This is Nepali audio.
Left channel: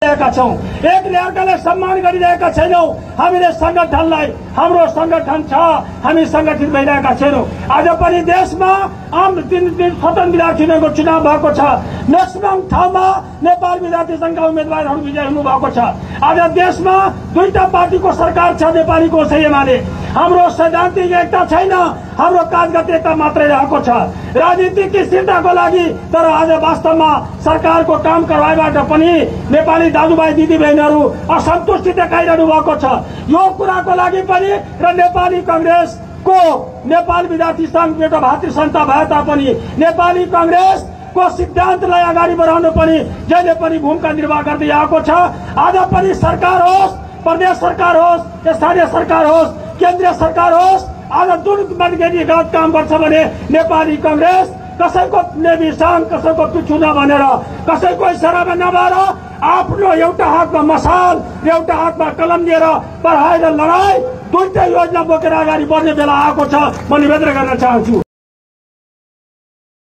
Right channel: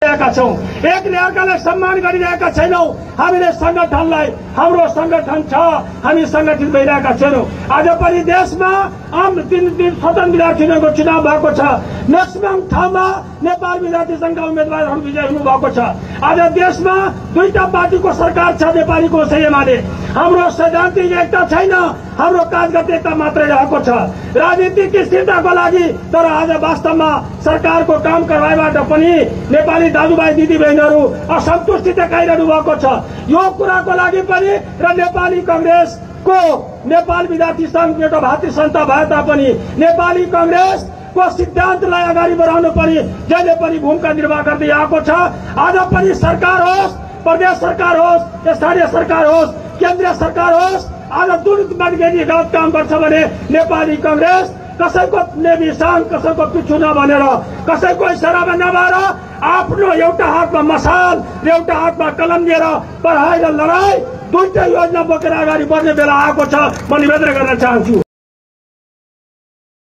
एक अर्कालाई सम्मान गरिरहेका छैनौं। हामीले संगठनलाई हाम्रो संगठन छ, हामी संगठित भइरहेका छैनौं। आज पनि देशमा आम दिन स्वतन्त्र विद्यार्थीहरूको चुनाव भएको छ। मैक्सिमम ठाउँमा नेपाल विद्यार्थी संघका उम्मेद्वारहरू विजयी हुनु भएको छ। आज देशमा दुईटा पार्टीको सरकार छ, नेपालीको छ एमाले। हाम्रो सैद्धान्तिक एकता छैन, हाम्रो कागजगत एकता मात्रै रहेको छ राजनीतिक स्थिरताको लागि। तर आज वास्तवमा सरकारको काम कारवाहीबाट पनि नेपाली दाजुभाइ दिदीबहिनीहरू असन्तुष्टि देखाइरहनु भएको छ। यो कुराको लागि पनि र नेपाली कांग्रेसको नेपाल विद्यार्थी संघ एउटा भातृ संस्था भए तापनि नेपाली कांग्रेसको सिद्धान्तलाई अगाडि बढाउन पनि जहिले पनि भूमिका निर्वाह गर्दै आएको छ। आज पनि सरकार होस्, प्रदेश सरकार होस्, स्थानीय सरकार होस्, केन्द्रीय सरकार होस्, आज जुन मान्छेले गलत काम गर्छ भने नेपाली कांग्रेस कसैको नेविसाङ, कसैको पिछु नभनेर, कसैको इसारामा नभएर आफ्नो एउटा हातमा मसाल र एउटा हातमा कलम लिएर पढाइ र लडाई दुईटा योजना बोकेर अगाडि बढ्ने बेला आएको छ। म निवेदन गर्न चाहन्छु।